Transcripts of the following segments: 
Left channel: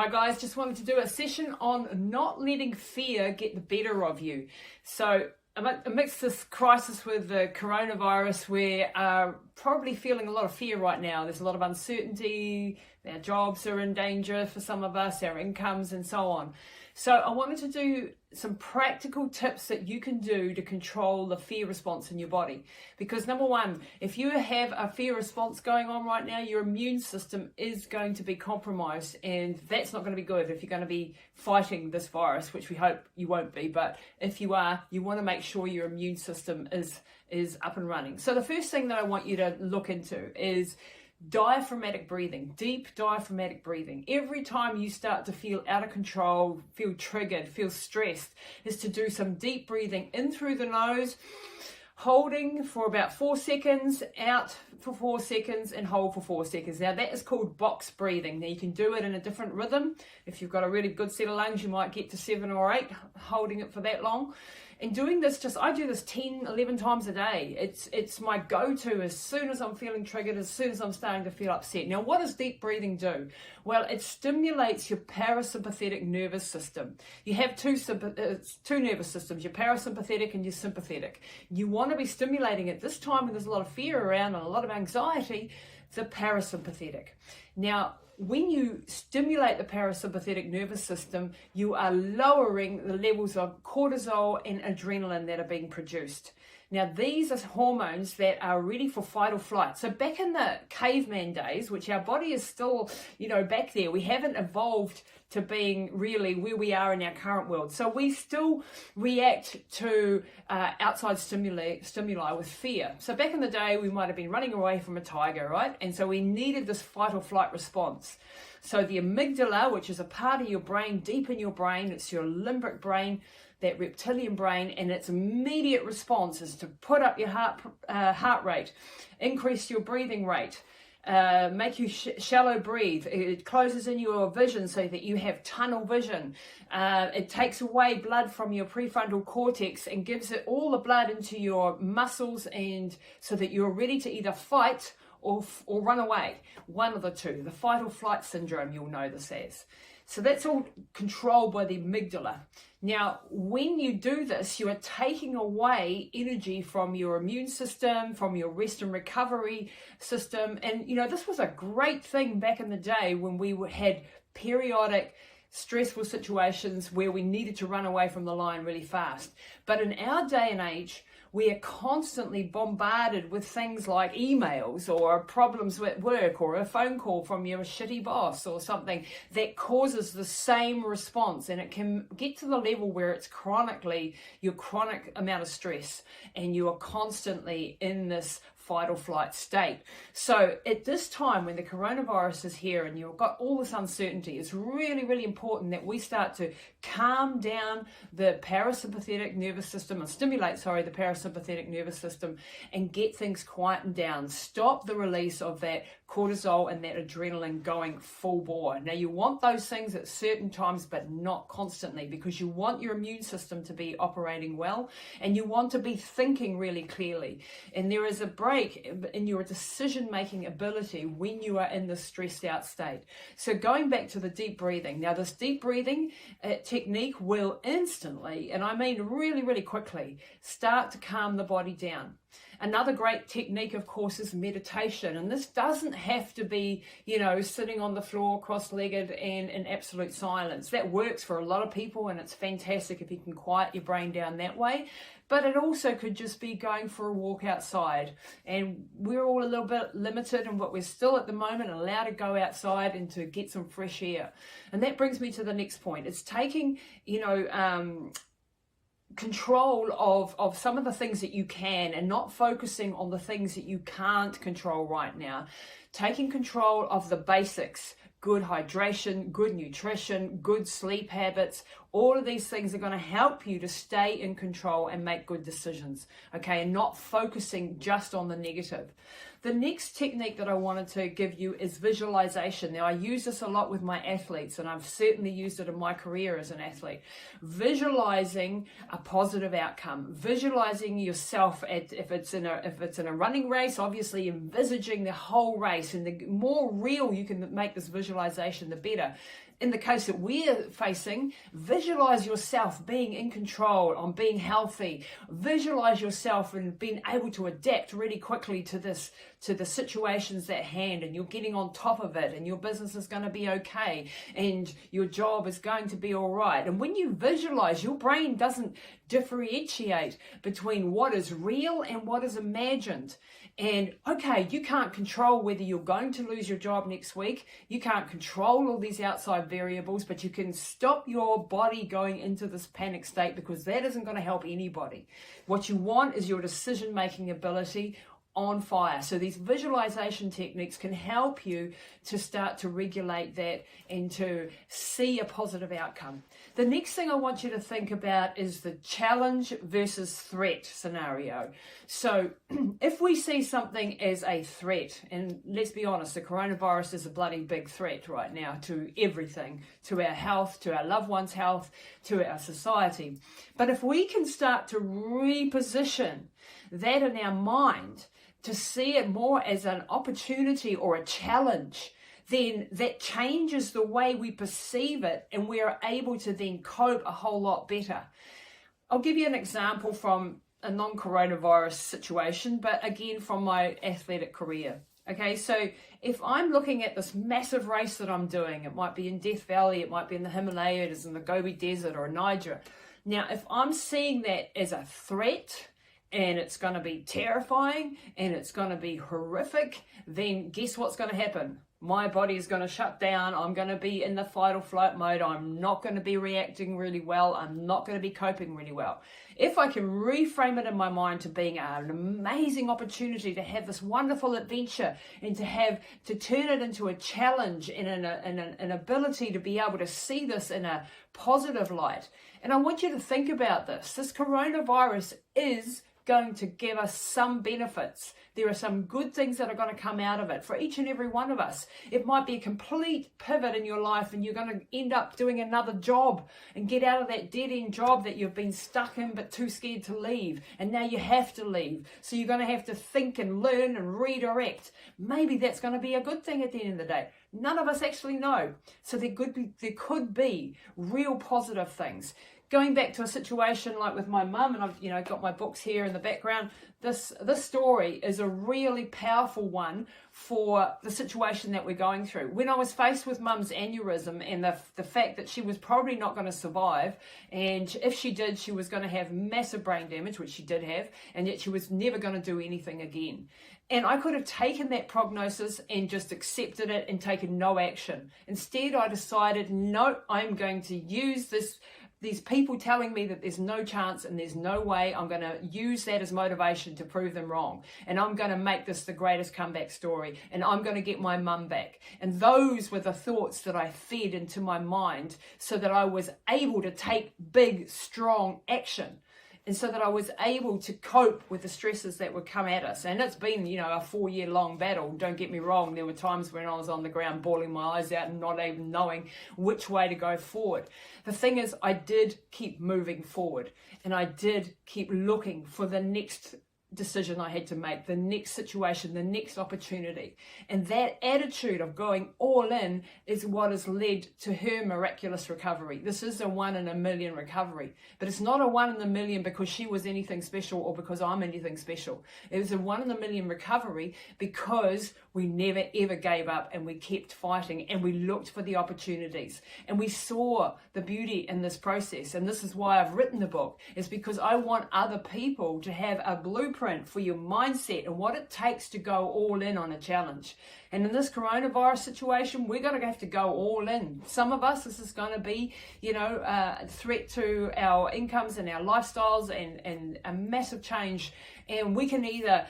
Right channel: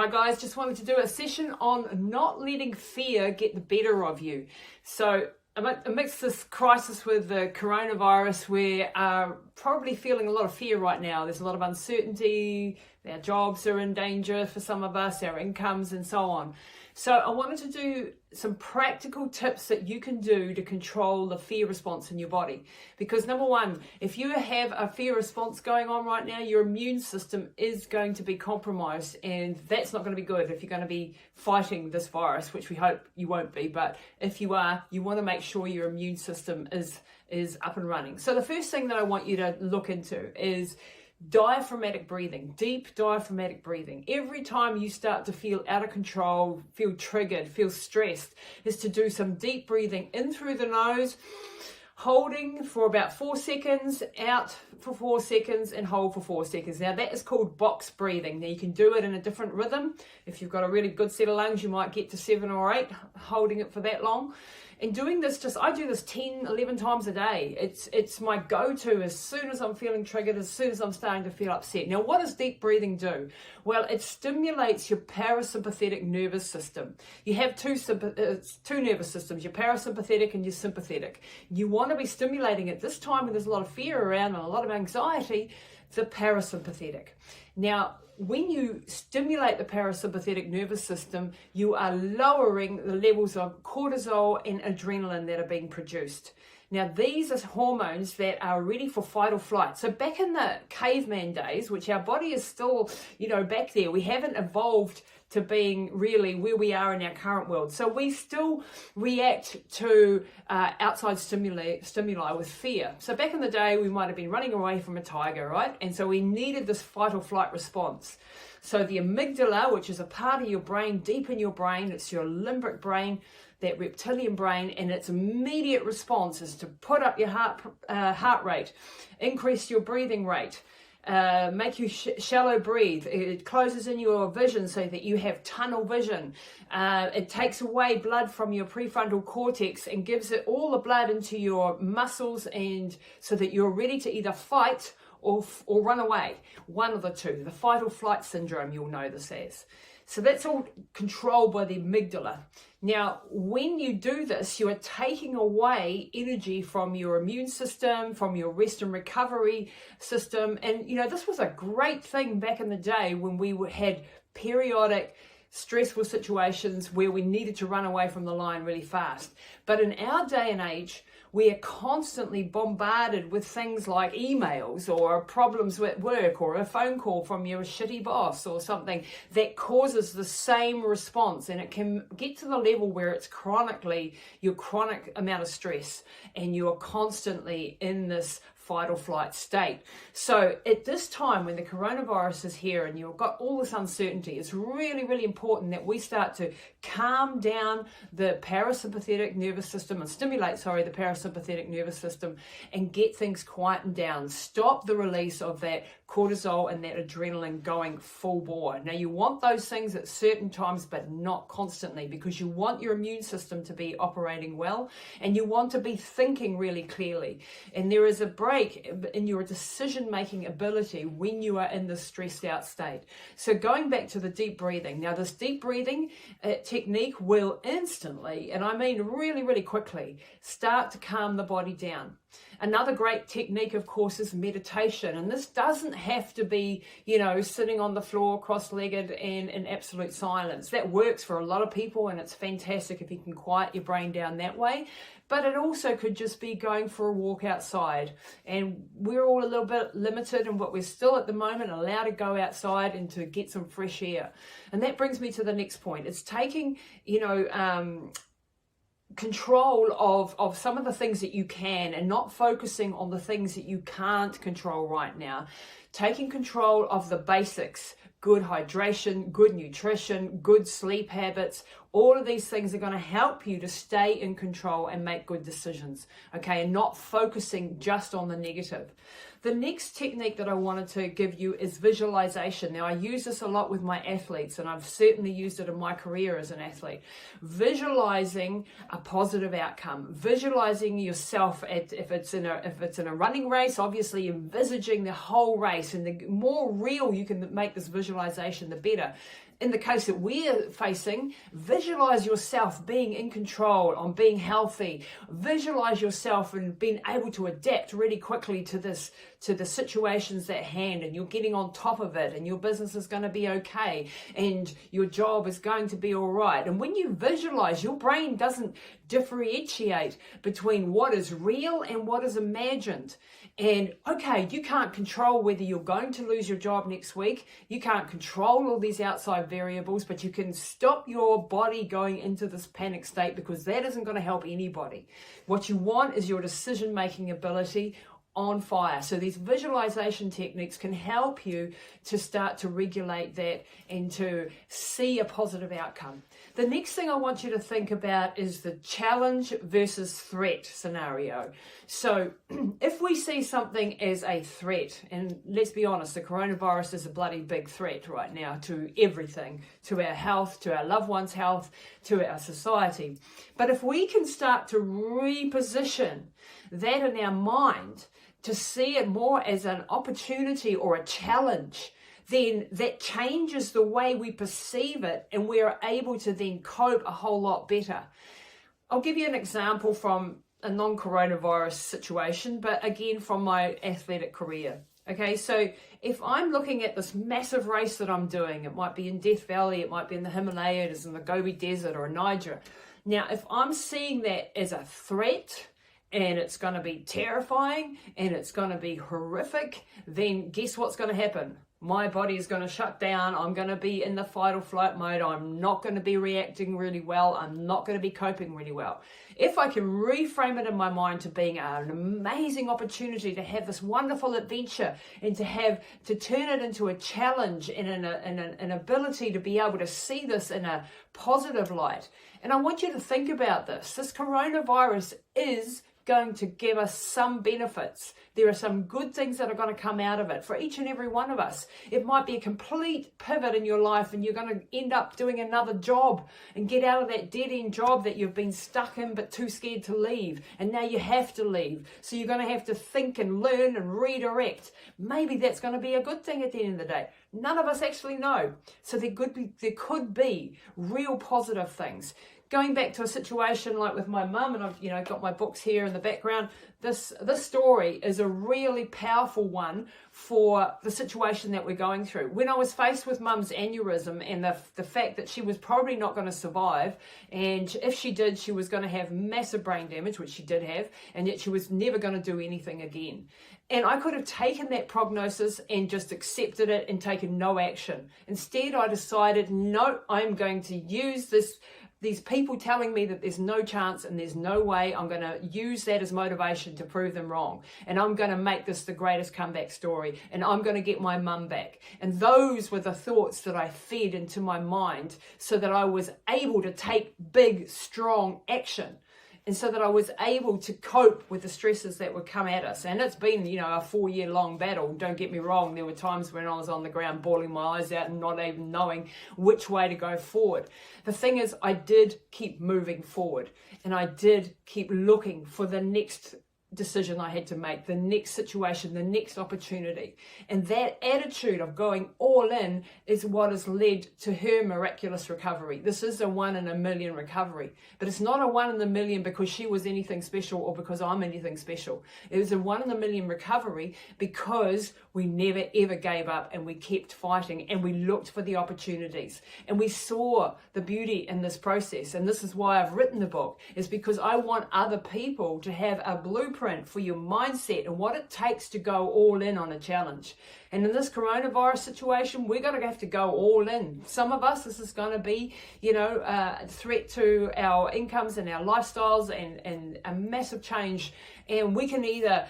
Hi guys, just wanted to do a session on not letting fear get the better of you. So amidst this crisis with the coronavirus, we're probably feeling a lot of fear right now. There's a lot of uncertainty, our jobs are in danger for some of us, our incomes and so on. So I wanted to do some practical tips that you can do to control the fear response in your body. Because number one, if you have a fear response going on right now, your immune system is going to be compromised, and that's not going to be good if you're going to be fighting this virus, which we hope you won't be. But if you are, you want to make sure your immune system is up and running. So the first thing that I want you to look into is diaphragmatic breathing, deep diaphragmatic breathing. Every time you start to feel out of control, feel triggered, feel stressed, is to do some deep breathing in through the nose, holding for about 4 seconds, out for 4 seconds, and hold for 4 seconds. Now that is called box breathing. Now you can do it in a different rhythm. If you've got a really good set of lungs, you might get to 7 or 8, holding it for that long. And doing this, I do this 10, 11 times a day. It's my go-to as soon as I'm feeling triggered, as soon as I'm starting to feel upset. Now, what does deep breathing do? Well, it stimulates your parasympathetic nervous system. You have two nervous systems, your parasympathetic and your sympathetic. You want to be stimulating at this time when there's a lot of fear around and a lot of anxiety, the parasympathetic. Now, when you stimulate the parasympathetic nervous system, you are lowering the levels of cortisol and adrenaline that are being produced. Now, these are hormones that are ready for fight or flight. So back in the caveman days, which our body is still, back there, we haven't evolved to being really where we are in our current world. So we still react to outside stimuli with fear. So back in the day, we might have been running away from a tiger, right? And so we needed this fight or flight response. So the amygdala, which is a part of your brain, deep in your brain, it's your limbic brain, that reptilian brain, and its immediate response is to put up your heart rate, increase your breathing rate, make you shallow breathe. It closes in your vision so that you have tunnel vision. It takes away blood from your prefrontal cortex and gives it all the blood into your muscles, and so that you're ready to either fight or run away. One of the two. The fight or flight syndrome, you'll know this as. So that's all controlled by the amygdala. Now, when you do this, you are taking away energy from your immune system, from your rest and recovery system. And, this was a great thing back in the day when we had periodic stressful situations where we needed to run away from the lion really fast. But in our day and age, we are constantly bombarded with things like emails or problems at work or a phone call from your shitty boss or something that causes the same response. And it can get to the level where it's your chronic amount of stress, and you are constantly in this fight or flight state. So at this time, when the coronavirus is here and you've got all this uncertainty, it's really, really important that we start to calm down the parasympathetic nervous system, and stimulate, the parasympathetic nervous system, and get things quietened down. Stop the release of that cortisol and that adrenaline going full bore. Now, you want those things at certain times, but not constantly, because you want your immune system to be operating well, and you want to be thinking really clearly. And there is a break in your decision-making ability when you are in the stressed out state. So going back to the deep breathing. Now, this deep breathing technique will instantly, and I mean really, really quickly, start to calm the body down. Another great technique, of course, is meditation. And this doesn't have to be, sitting on the floor cross-legged and in absolute silence. That works for a lot of people, and it's fantastic if you can quiet your brain down that way. But it also could just be going for a walk outside. And we're all a little bit limited in what we're still at the moment allowed to go outside and to get some fresh air. And that brings me to the next point. It's taking, control of some of the things that you can, and not focusing on the things that you can't control right now. Taking control of the basics, good hydration, good nutrition, good sleep habits. All of these things are going to help you to stay in control and make good decisions, okay, and not focusing just on the negative. The next technique that I wanted to give you is visualization. Now, I use this a lot with my athletes, and I've certainly used it in my career as an athlete. Visualizing a positive outcome, visualizing yourself if it's in a running race, obviously envisaging the whole race, and the more real you can make this visualization, the better. in the case that we're facing, visualize yourself being in control, on being healthy. Visualize yourself and being able to adapt really quickly to the situations at hand, and you're getting on top of it, and your business is going to be okay, and your job is going to be all right. And when you visualize, your brain doesn't differentiate between what is real and what is imagined. And okay, you can't control whether you're going to lose your job next week. You can't control all these outside variables, but you can stop your body going into this panic state, because that isn't going to help anybody. What you want is your decision-making ability on fire. So these visualization techniques can help you to start to regulate that and to see a positive outcome. The next thing I want you to think about is the challenge versus threat scenario. So if we see something as a threat, and let's be honest, the coronavirus is a bloody big threat right now to everything, to our health, to our loved ones' health, to our society. But if we can start to reposition that in our mind, to see it more as an opportunity or a challenge, then that changes the way we perceive it, and we're able to then cope a whole lot better. I'll give you an example from a non-coronavirus situation, but again from my athletic career. Okay, so if I'm looking at this massive race that I'm doing, it might be in Death Valley, it might be in the Himalayas, in the Gobi Desert or Niger. Now, if I'm seeing that as a threat, and it's going to be terrifying, and it's going to be horrific, then guess what's going to happen? My body is going to shut down. I'm going to be in the fight or flight mode. I'm not going to be reacting really well. I'm not going to be coping really well. If I can reframe it in my mind to being an amazing opportunity to have this wonderful adventure, and to turn it into a challenge and an ability to be able to see this in a positive light. And I want you to think about this. This coronavirus is going to give us some benefits. There are some good things that are going to come out of it for each and every one of us. It might be a complete pivot in your life, and you're going to end up doing another job and get out of that dead-end job that you've been stuck in but too scared to leave, and now you have to leave. So you're going to have to think and learn and redirect. Maybe that's going to be a good thing at the end of the day. None of us actually know. So there could be real positive things. Going back to a situation like with my mum, and I've got my books here in the background, this story is a really powerful one for the situation that we're going through. When I was faced with mum's aneurysm and the fact that she was probably not going to survive, and if she did, she was going to have massive brain damage, which she did have, and yet she was never going to do anything again. And I could have taken that prognosis and just accepted it and taken no action. Instead, I decided, no, I'm going to use these people telling me that there's no chance and there's no way. I'm going to use that as motivation to prove them wrong. And I'm going to make this the greatest comeback story. And I'm going to get my mum back. And those were the thoughts that I fed into my mind, so that I was able to take big, strong action. And so that I was able to cope with the stresses that would come at us. And it's been, a 4-year-long battle. Don't get me wrong. There were times when I was on the ground bawling my eyes out and not even knowing which way to go forward. The thing is, I did keep moving forward. And I did keep looking for the next decision I had to make, the next situation, the next opportunity. And that attitude of going all in is what has led to her miraculous recovery. This is a 1 in a million recovery, but it's not a 1 in a million because she was anything special or because I'm anything special. It was a 1 in a million recovery because we never ever gave up, and we kept fighting, and we looked for the opportunities, and we saw the beauty in this process. And this is why I've written the book, is because I want other people to have a blueprint for your mindset and what it takes to go all in on a challenge. And in this coronavirus situation, we're going to have to go all in. Some of us, this is going to be, a threat to our incomes and our lifestyles, and a massive change. And we can either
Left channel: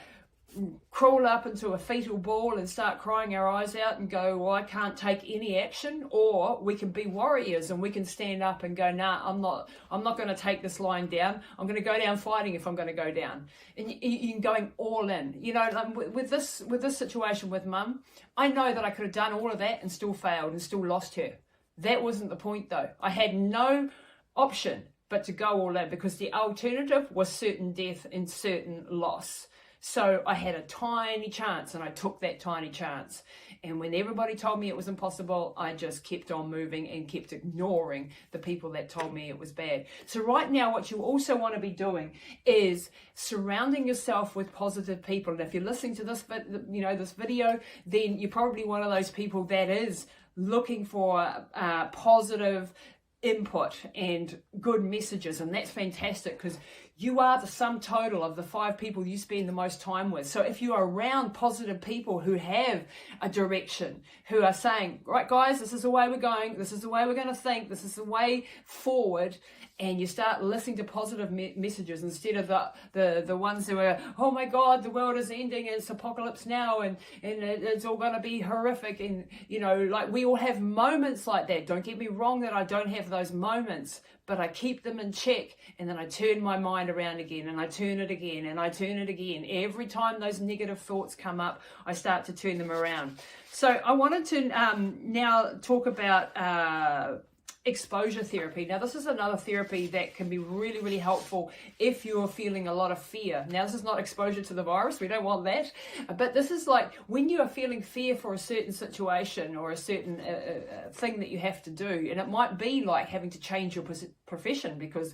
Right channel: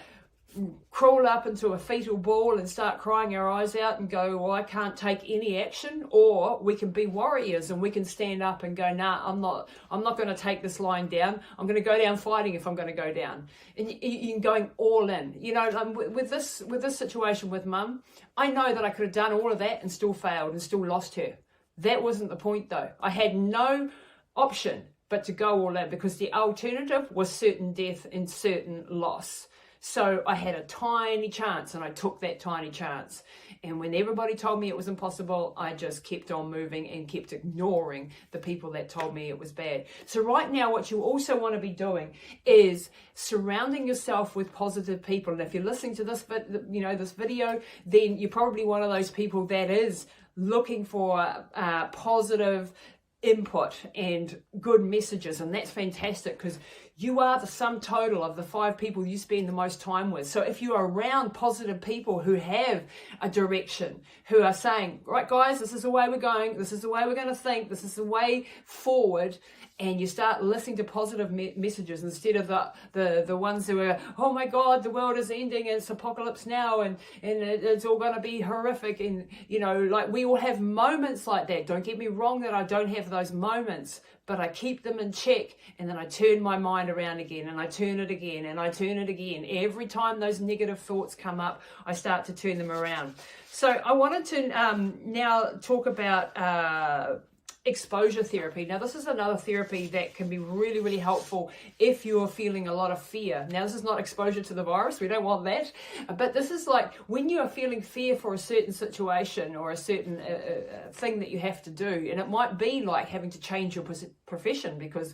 crawl up into a fetal ball and start crying our eyes out and go, well, I can't take any action, or we can be warriors and we can stand up and go, nah, I'm not going to take this lying down. I'm going to go down fighting if I'm going to go down. And you're going all in. With this situation with mum, I know that I could have done all of that and still failed and still lost her. That wasn't the point though. I had no option but to go all in, because the alternative was certain death and certain loss. So I had a tiny chance, and I took that tiny chance. And when everybody told me it was impossible, I just kept on moving and kept ignoring the people that told me it was bad. So right now, what you also want to be doing is surrounding yourself with positive people. And if you're listening to this, this video, then you're probably one of those people that is looking for positive input and good messages. And that's fantastic, because you are the sum total of the 5 people you spend the most time with. So if you are around positive people who have a direction, who are saying, right guys, this is the way we're going, this is the way we're going to think, this is the way forward, and you start listening to positive messages instead of the ones who are, oh my God, the world is ending, it's apocalypse now, and it's all going to be horrific. And, like, we all have moments like that. Don't get me wrong that I don't have those moments, but I keep them in check, and then I turn my mind around again, and I turn it again, and I turn it again. Every time those negative thoughts come up, I start to turn them around. So I wanted to now talk about exposure therapy. Now, this is another therapy that can be really, really helpful if you're feeling a lot of fear. Now, this is not exposure to the virus. We don't want that. But this is like when you are feeling fear for a certain situation or a certain thing that you have to do. And it might be like having to change your profession, because,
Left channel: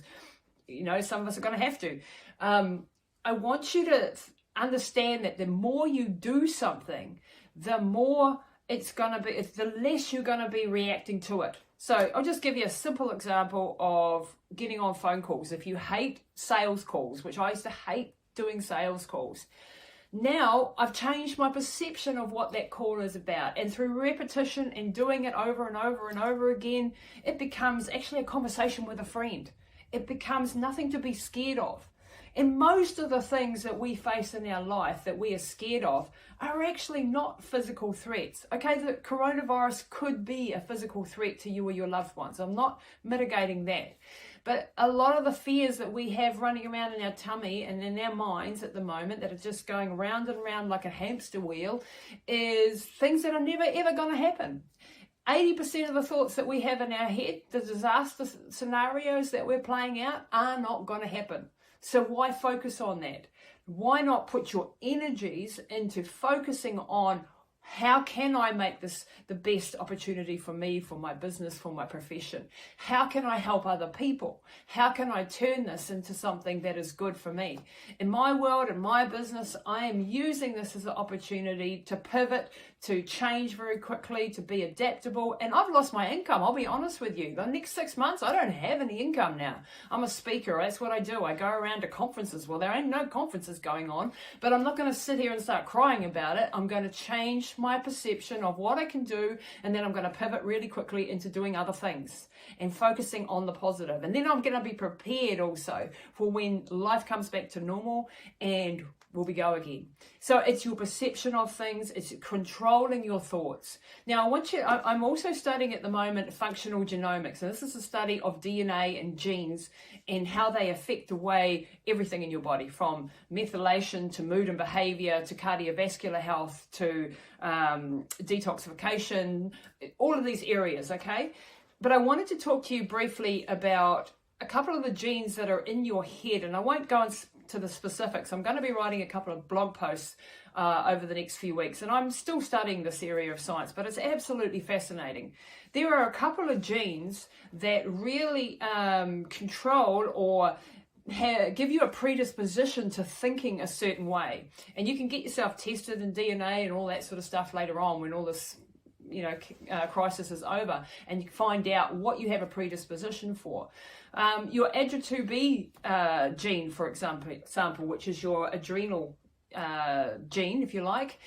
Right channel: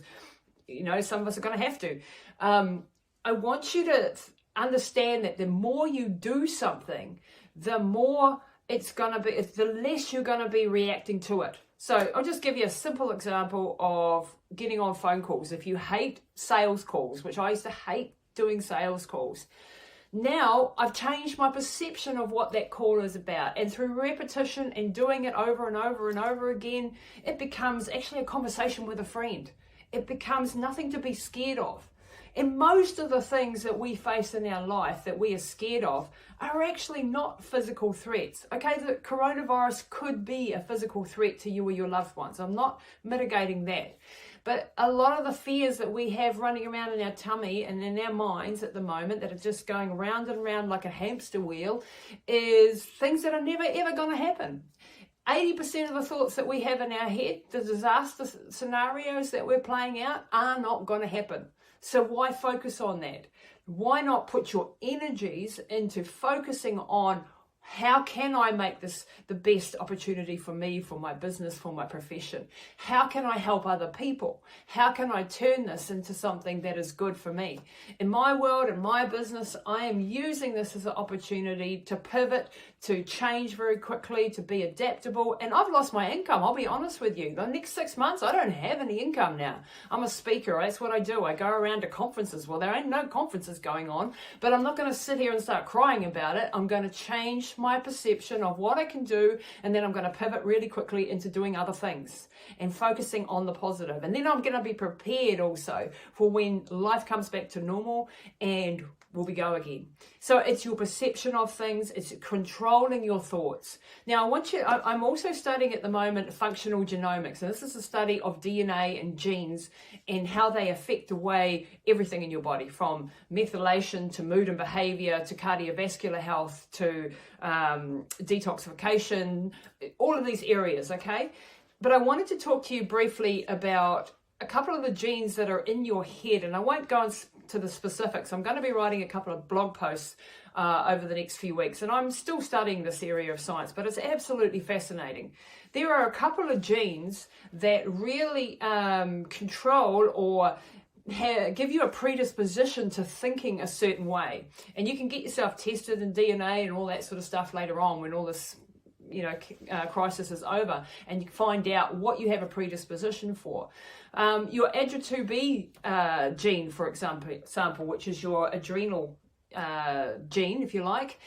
some of us are going to have to. I want you to understand that the more you do something, the more the less you're going to be reacting to it. So I'll just give you a simple example of getting on phone calls. If you hate sales calls, which I used to hate doing sales calls, now I've changed my perception of what that call is about. And through repetition and doing it over and over and over again, it becomes actually a conversation with a friend. It becomes nothing to be scared of. And most of the things that we face in our life that we are scared of are actually not physical threats. Okay, the coronavirus could be a physical threat to you or your loved ones. I'm not mitigating that. But a lot of the fears that we have running around in our tummy and in our minds at the moment that are just going round and round like a hamster wheel is things that are never ever going to happen. 80% of the thoughts that we have in our head, the disaster scenarios that we're playing out, are not going to happen. So why focus on that? Why not put your energies into focusing on how can I make this the best opportunity for me, for my business, for my profession? How can I help other people? How can I turn this into something that is good for me? In my world, in my business, I am using this as an opportunity to pivot, to change very quickly, to be adaptable. And I've lost my income, I'll be honest with you. The next 6 months, I don't have any income now. I'm a speaker, that's what I do. I go around to conferences. Well, there ain't no conferences going on, but I'm not going to sit here and start crying about it. I'm going to change my perception of what I can do, and then I'm going to pivot really quickly into doing other things and focusing on the positive. And then I'm going to be prepared also for when life comes back to normal and we go again. So it's your perception of things, it's controlling your thoughts. Now I'm also studying at the moment functional genomics, and this is a study of DNA and genes and how they affect the way everything in your body, from methylation to mood and behavior to cardiovascular health to detoxification, all of these areas, okay? But I wanted to talk to you briefly about a couple of the genes that are in your head, and I won't go into the specifics. I'm going to be writing a couple of blog posts over the next few weeks, and I'm still studying this area of science, but it's absolutely fascinating. There are a couple of genes that really control or give you a predisposition to thinking a certain way, and you can get yourself tested in DNA and all that sort of stuff later on when all this crisis is over, and you find out what you have a predisposition for. Your ADRA2B gene, for example, which is your adrenal gene, if you like,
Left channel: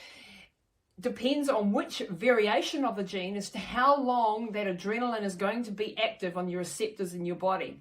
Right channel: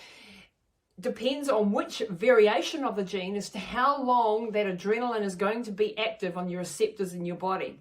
depends on which variation of the gene as to how long that adrenaline is going to be active on your receptors in your body.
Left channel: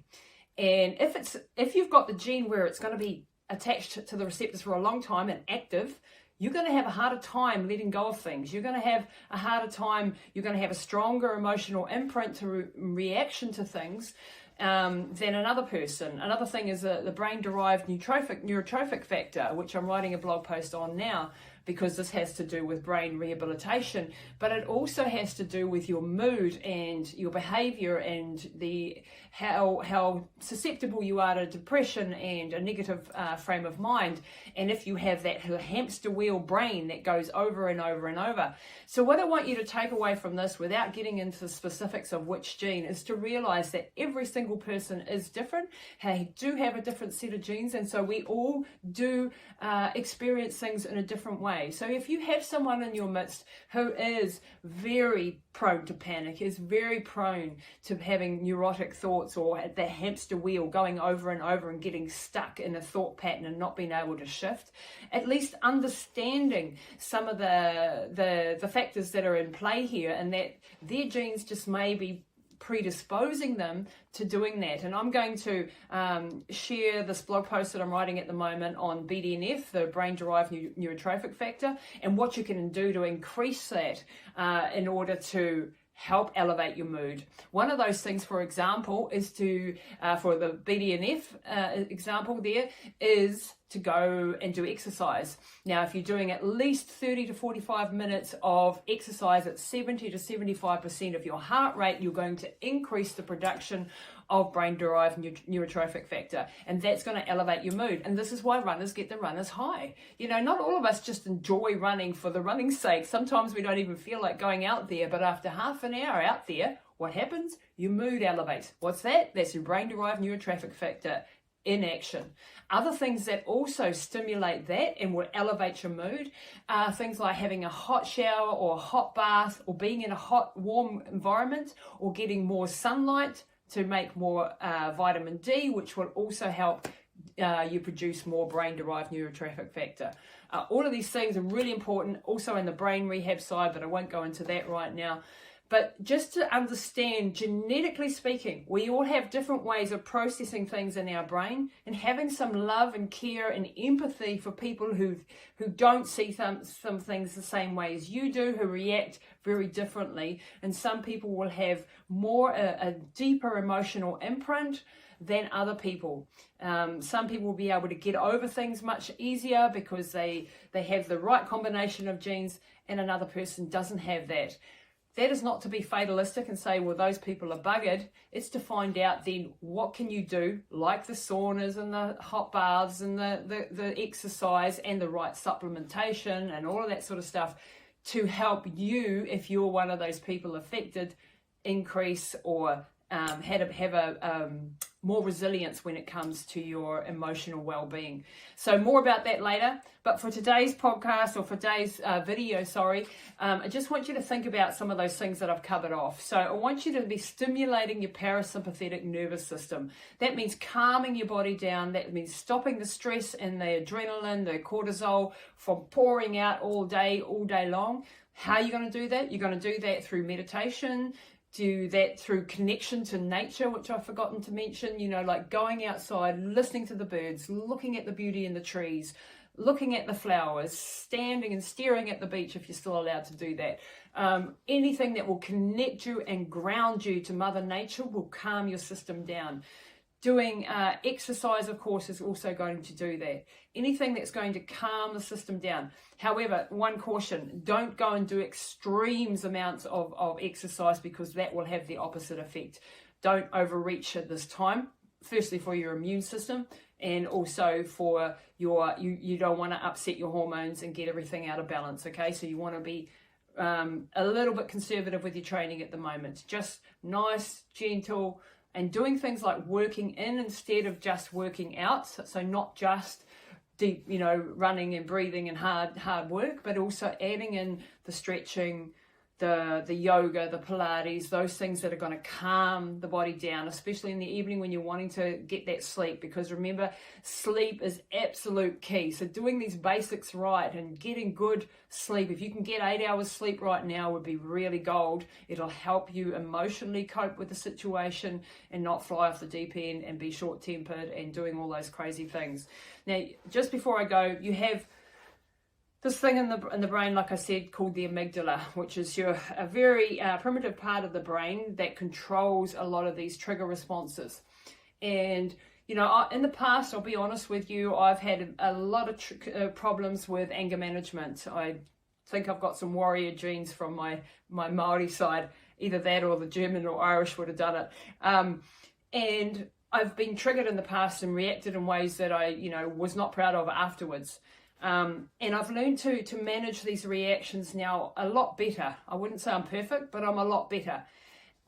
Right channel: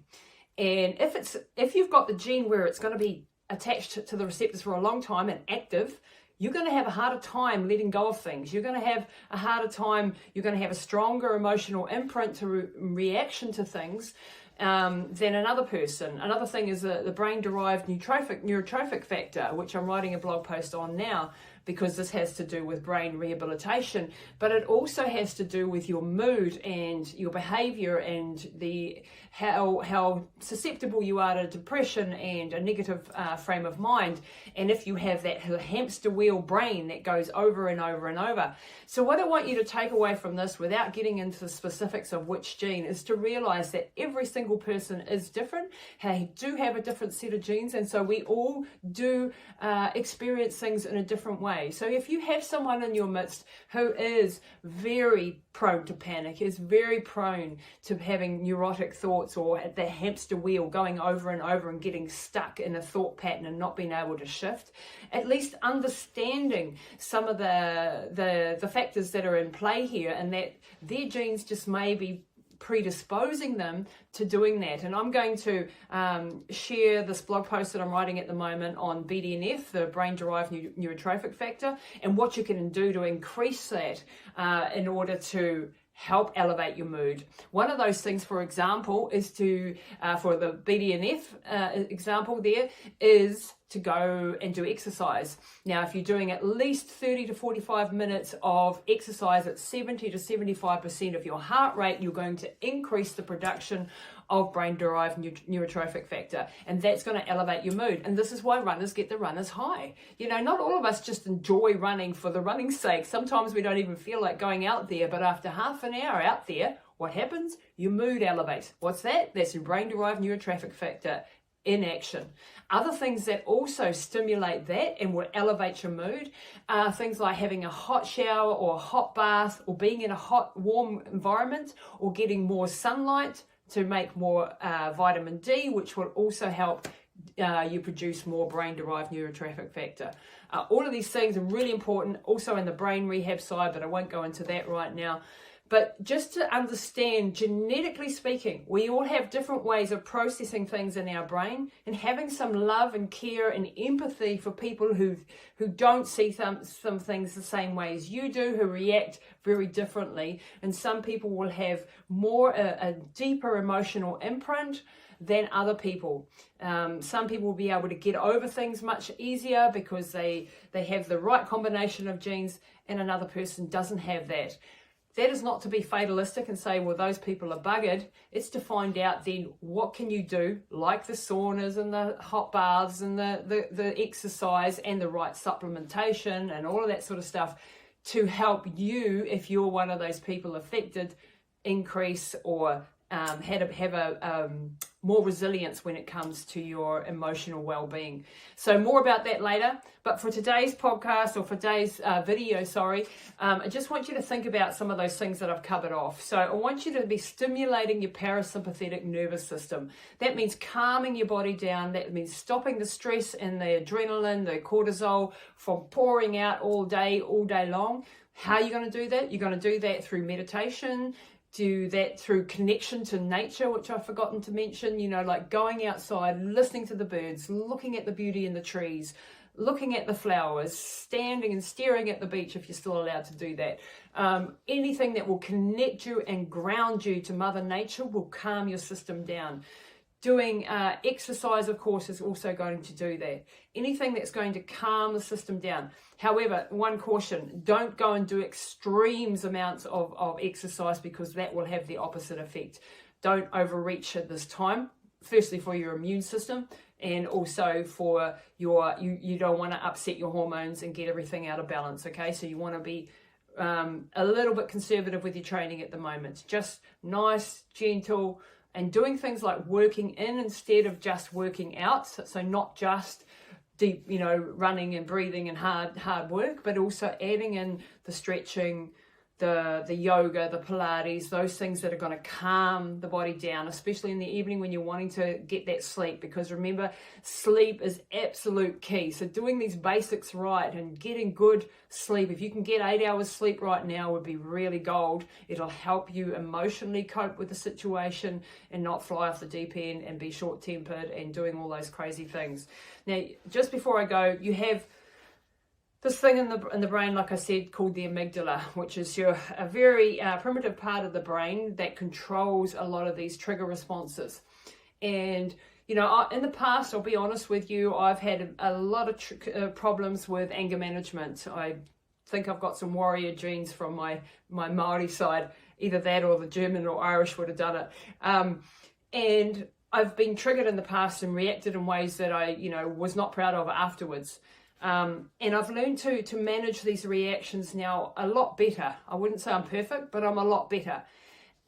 And if you've got the gene where it's going to be attached to the receptors for a long time and active, you're going to have a harder time letting go of things. You're going to have a harder time. You're going to have a stronger emotional imprint to reaction to things than another person. Another thing is the brain-derived neurotrophic factor, which I'm writing a blog post on now, because this has to do with brain rehabilitation, but it also has to do with your mood and your behavior and how susceptible you are to depression and a negative frame of mind, and if you have that hamster wheel brain that goes over and over and over. So what I want you to take away from this, without getting into the specifics of which gene, is to realize that every single person is different. They do have a different set of genes, and so we all do experience things in a different way. So if you have someone in your midst who is very prone to panic, is very prone to having neurotic thoughts or the hamster wheel going over and over and getting stuck in a thought pattern and not being able to shift, at least understanding some of the factors that are in play here, and that their genes just may be predisposing them to doing that. And I'm going to share this blog post that I'm writing at the moment on BDNF, the brain-derived neurotrophic factor, and what you can do to increase that in order to help elevate your mood. One of those things, for example, is to, for the BDNF example there, is to go and do exercise. Now, if you're doing at least 30 to 45 minutes of exercise at 70 to 75% of your heart rate, you're going to increase the production of brain-derived neurotrophic factor, and that's going to elevate your mood. And this is why runners get the runner's high. You know, not all of us just enjoy running for the running's sake. Sometimes we don't even feel like going out there, but after half an hour out there, what happens? Your mood elevates. What's that? That's your brain-derived neurotrophic factor in action. Other things that also stimulate that and will elevate your mood are things like having a hot shower or a hot bath, or being in a hot, warm environment, or getting more sunlight to make more vitamin D, which will also help you produce more brain-derived neurotrophic factor. All of these things are really important, also in the brain rehab side, but I won't go into that right now. But just to understand, genetically speaking, we all have different ways of processing things in our brain, and having some love and care and empathy for people who don't see some things the same way as you do, who react very differently. And some people will have more a deeper emotional imprint than other people. Some people will be able to get over things much easier because they have the right combination of genes, and another person doesn't have that. That is not to be fatalistic and say, well, those people are buggered. It's to find out then what can you do, like the saunas and the hot baths and the exercise and the right supplementation and all of that sort of stuff, to help you, if you're one of those people affected, increase or have a more resilience when it comes to your emotional well-being. So more about that later. But for today's podcast, or for today's video, I just want you to think about some of those things that I've covered off. So I want you to be stimulating your parasympathetic nervous system. That means calming your body down. That means stopping the stress and the adrenaline, the cortisol from pouring out all day long. How are you going to do that? You're going to do that through meditation. Do that through connection to nature, which I've forgotten to mention, like going outside, listening to the birds, looking at the beauty in the trees, looking at the flowers, standing and staring at the beach if you're still allowed to do that. Anything that will connect you and ground you to Mother Nature will calm your system down. Doing exercise, of course, is also going to do that. Anything that's going to calm the system down. However, one caution, don't go and do extremes amounts of exercise, because that will have the opposite effect. Don't overreach at this time. Firstly, for your immune system, and also for you don't want to upset your hormones and get everything out of balance, okay? So you want to be a little bit conservative with your training at the moment. Just nice, gentle, and doing things like working in instead of just working out. So not just deep, running and breathing and hard work, but also adding in the stretching, the yoga, the Pilates, those things that are going to calm the body down, especially in the evening when you're wanting to get that sleep. Because remember, sleep is absolute key. So doing these basics right and getting good sleep, if you can get 8 hours sleep right now, would be really gold. It'll help you emotionally cope with the situation and not fly off the deep end and be short-tempered and doing all those crazy things. Now, just before I go, you have this thing in the brain, like I said, called the amygdala, which is a very primitive part of the brain that controls a lot of these trigger responses. And, in the past, I'll be honest with you, I've had a lot of problems with anger management. I think I've got some warrior genes from my Maori side. Either that or the German or Irish would have done it. And I've been triggered in the past and reacted in ways that I, was not proud of afterwards. And I've learned to manage these reactions now a lot better. I wouldn't say I'm perfect, but I'm a lot better.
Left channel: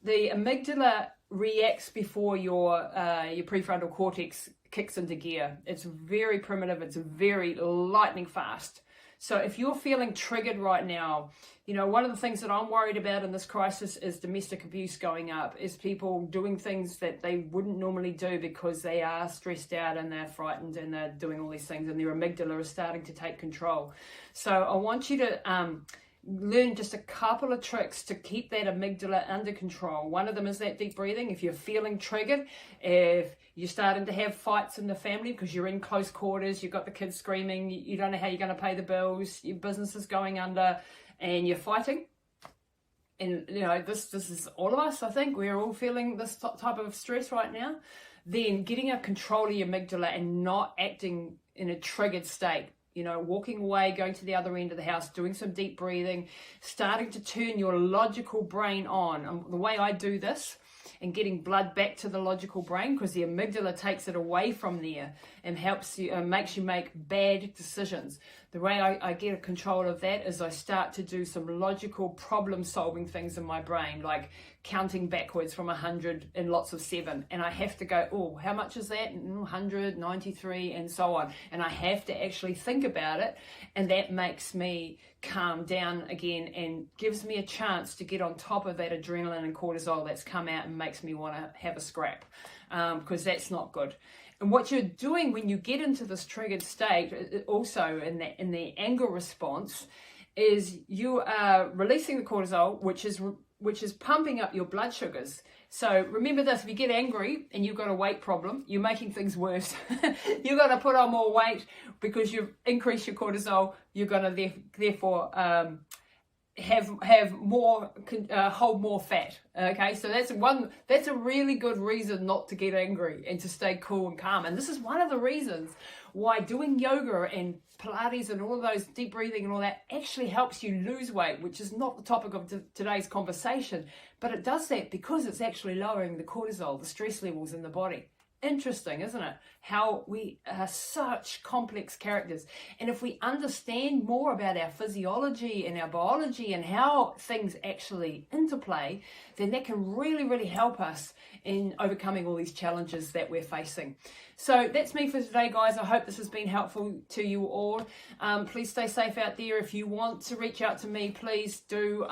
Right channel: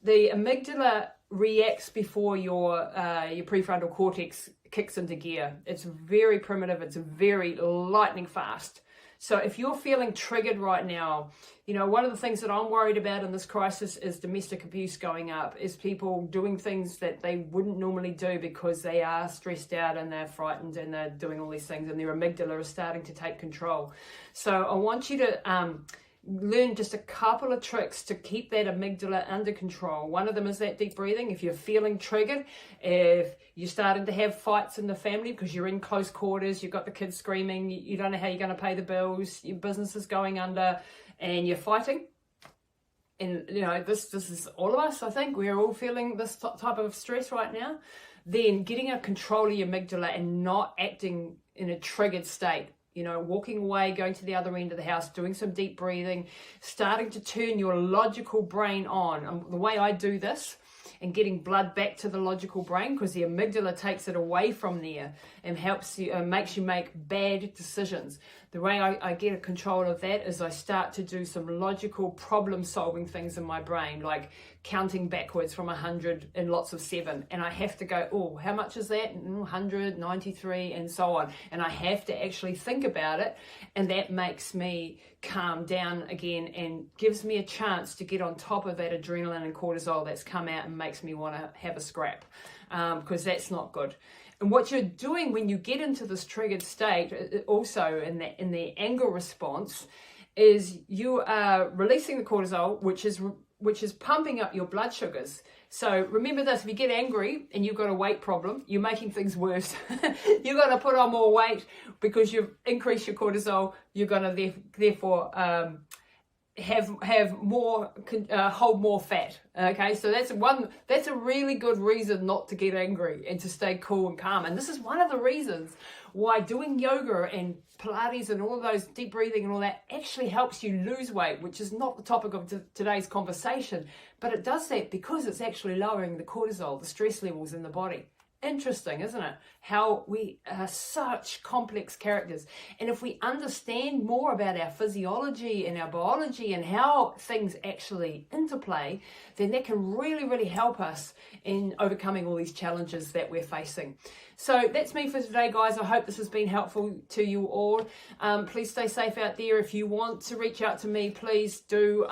The amygdala reacts before your prefrontal cortex kicks into gear. It's very primitive. It's very lightning fast. So if you're feeling triggered right now, one of the things that I'm worried about in this crisis is domestic abuse going up, is people doing things that they wouldn't normally do because they are stressed out and they're frightened and they're doing all these things and their amygdala is starting to take control. So I want you to learn just a couple of tricks to keep that amygdala under control. One of them is that deep breathing. If you're feeling triggered, if you're starting to have fights in the family because you're in close quarters, you've got the kids screaming, you don't know how you're going to pay the bills, your business is going under, and you're fighting. And, this is all of us, I think. We're all feeling this type of stress right now. Then getting a control of your amygdala and not acting in a triggered state. Walking away, going to the other end of the house, doing some deep breathing, starting to turn your logical brain on. And the way I do this, and getting blood back to the logical brain, because the amygdala takes it away from there and helps you, makes you make bad decisions. The way I get a control of that is I start to do some logical problem-solving things in my brain, like counting backwards from 100 in lots of 7. And I have to go, oh, how much is that? 100, 93, and so on. And I have to actually think about it. And that makes me calm down again and gives me a chance to get on top of that adrenaline and cortisol that's come out and makes me want to have a scrap, because that's not good. And what you're doing when you get into this triggered state, also in the anger response, is you are releasing the cortisol, which is pumping up your blood sugars. So remember this: if you get angry and you've got a weight problem, you're making things worse. You're going to put on more weight because you've increased your cortisol. You're going to therefore have more, hold more fat. Okay, so that's a really good reason not to get angry and to stay cool and calm. And this is one of the reasons why doing yoga and Pilates and all of those deep breathing and all that actually helps you lose weight, which is not the topic of today's conversation, but it does that because it's actually lowering the cortisol, the stress levels in the body. Interesting, isn't it? How we are such complex characters. And if we understand more about our physiology and our biology and how things actually interplay, then that can really, really help us in overcoming all these challenges that we're facing. So that's me for today, guys. I hope this has been helpful to you all. Please stay safe out there. If you want to reach out to me, please do.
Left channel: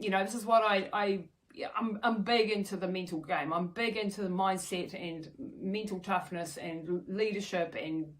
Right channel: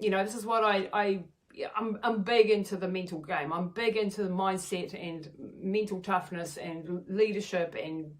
This is what I'm big into the mental game. I'm big into the mindset and mental toughness and leadership and,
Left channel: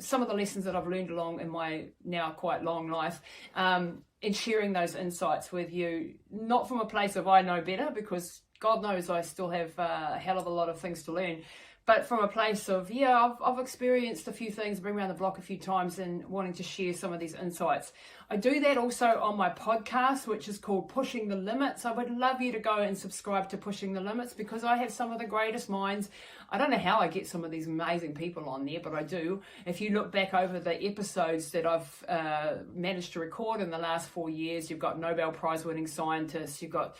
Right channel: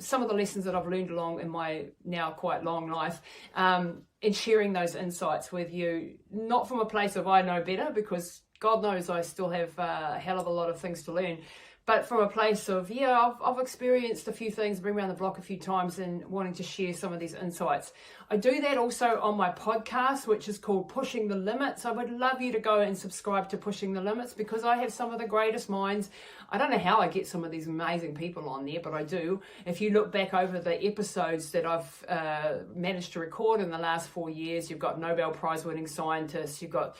some of the lessons that I've learned along in my now quite long life, and sharing those insights with you, not from a place of I know better, because God knows I still have a hell of a lot of things to learn, but from a place of, I've experienced a few things, been around the block a few times and wanting to share some of these insights. I do that also on my podcast, which is called Pushing the Limits. I would love you to go and subscribe to Pushing the Limits, because I have some of the greatest minds. I don't know how I get some of these amazing people on there, but I do. If you look back over the episodes that I've managed to record in the last 4 years, you've got Nobel Prize winning scientists, you've got,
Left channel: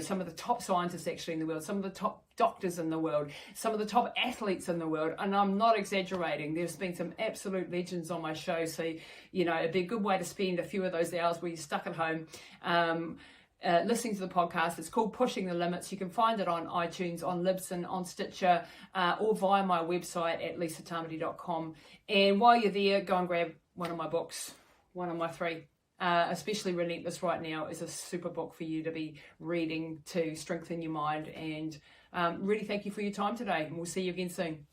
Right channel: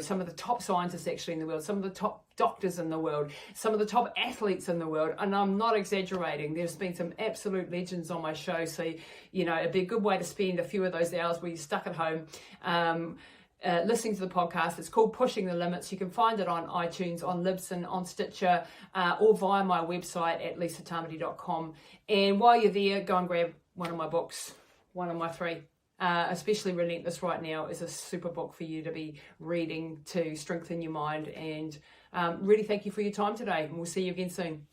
some of the top scientists actually in the world, some of the top doctors in the world, some of the top athletes in the world, and I'm not exaggerating. There's been some absolute legends on my show, so it'd be a good way to spend a few of those hours where you're stuck at home listening to the podcast. It's called Pushing the Limits. You can find it on iTunes, on Libsyn, on Stitcher, or via my website at lisatamati.com. And while you're there, go and grab one of my books, one of my 3. Especially Relentless right now is a super book for you to be reading to strengthen your mind. And really thank you for your time today, and we'll see you again soon.